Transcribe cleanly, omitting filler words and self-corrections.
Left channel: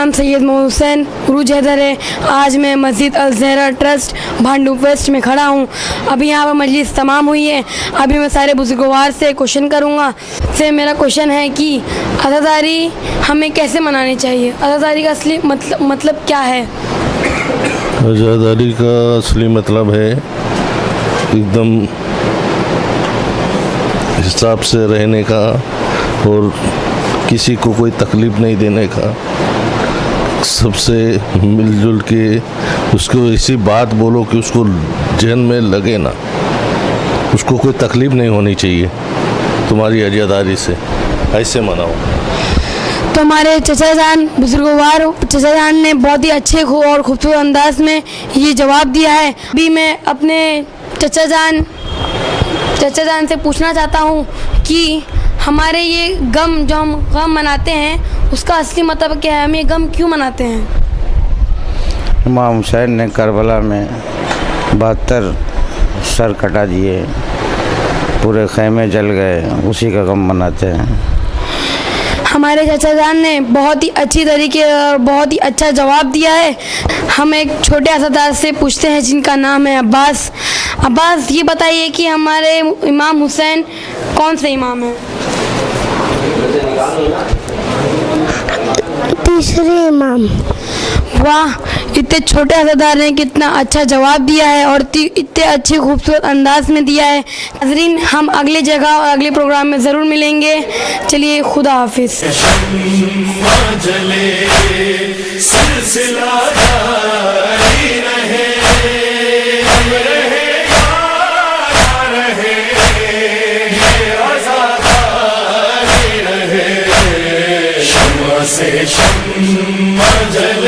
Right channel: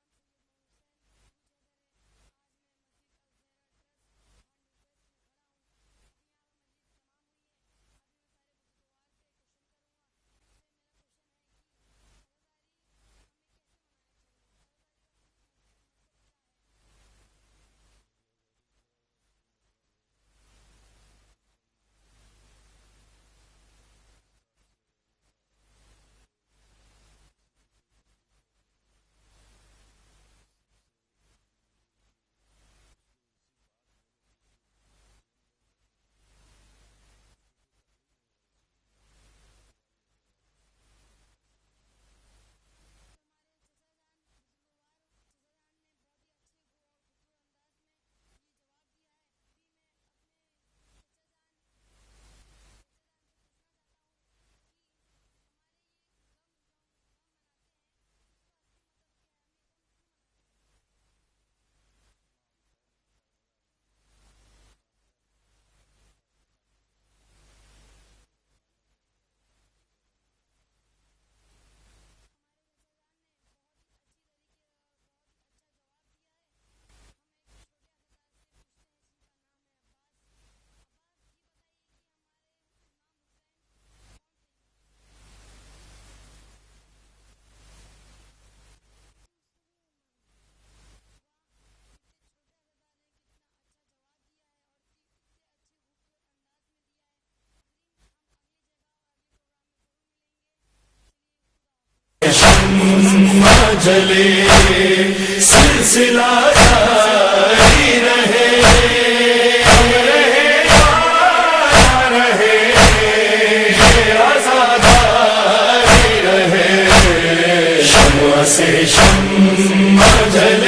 नाम सैयद मोहम्मद हुसैन उरूज हैदर है। आज मैं मस्जिद अल ज़हरा ट्रस्ट भांडू वेस्ट में खड़ा हूँ। अभी यहाँ पर मजलिस तमाम हुई है। अभी मैं सारे बुजुर्गवार से क्वेश्चन करूँगा। से मेरा क्वेश्चन है कि अज़ादारी हमें कैसे मनानी चाहिए? अज़ादारी का असली मतलब क्या है? अज़ादारी का असली मतलब है एकदम हिसाब से रहने का और किसी को कोई तकलीफ़ नहीं देने का, सबसे मिलजुल के उसको ऐसी बात बोलो कि उसको जहन में लगे ना, उसको कोई तकलीफ़ नहीं होनी चाहिए तुम्हारी अज़ादारी से, ऐसे मनाओ। तो हमारे चचा जान बुजुर्गवार चचा जान ने बहुत ही अच्छे और खूबसूरत अंदाज में ये जवाब दिया है। अभी मैं अपने चचा जान से पूछना चाहता हूँ कि हमारे ये गम जो हम गम मनाते हैं उसका असली मतलब क्या है? हम ये गम क्यों मनाते हैं? इमाम हुसैन ने करबला में 72 सर कटा दिए, पूरे खैमे जल गए, उसी का गम मनाते हैं। हमारे चाचा जान ने बहुत ही अच्छी तरीके और बहुत ही अच्छा जवाब दिया है। हम एक छोटे अज़ादार से पूछते हैं जिनका नाम है अब्बास। अब्बास, ये बताइए कि हमारे इमाम हुसैन कौन से इमाम हैं? तीसरे इमाम। वाह, इतने छोटे अज़ादार ने कितना अच्छा जवाब दिया है और इतने अच्छे खूबसूरत अंदाज में दिया है। नाज़रीन, हम अगले जगह और अगले प्रोग्राम में ज़रूर मिलेंगे। चलिए, खुदा हाफिज़। से शम्मा जले।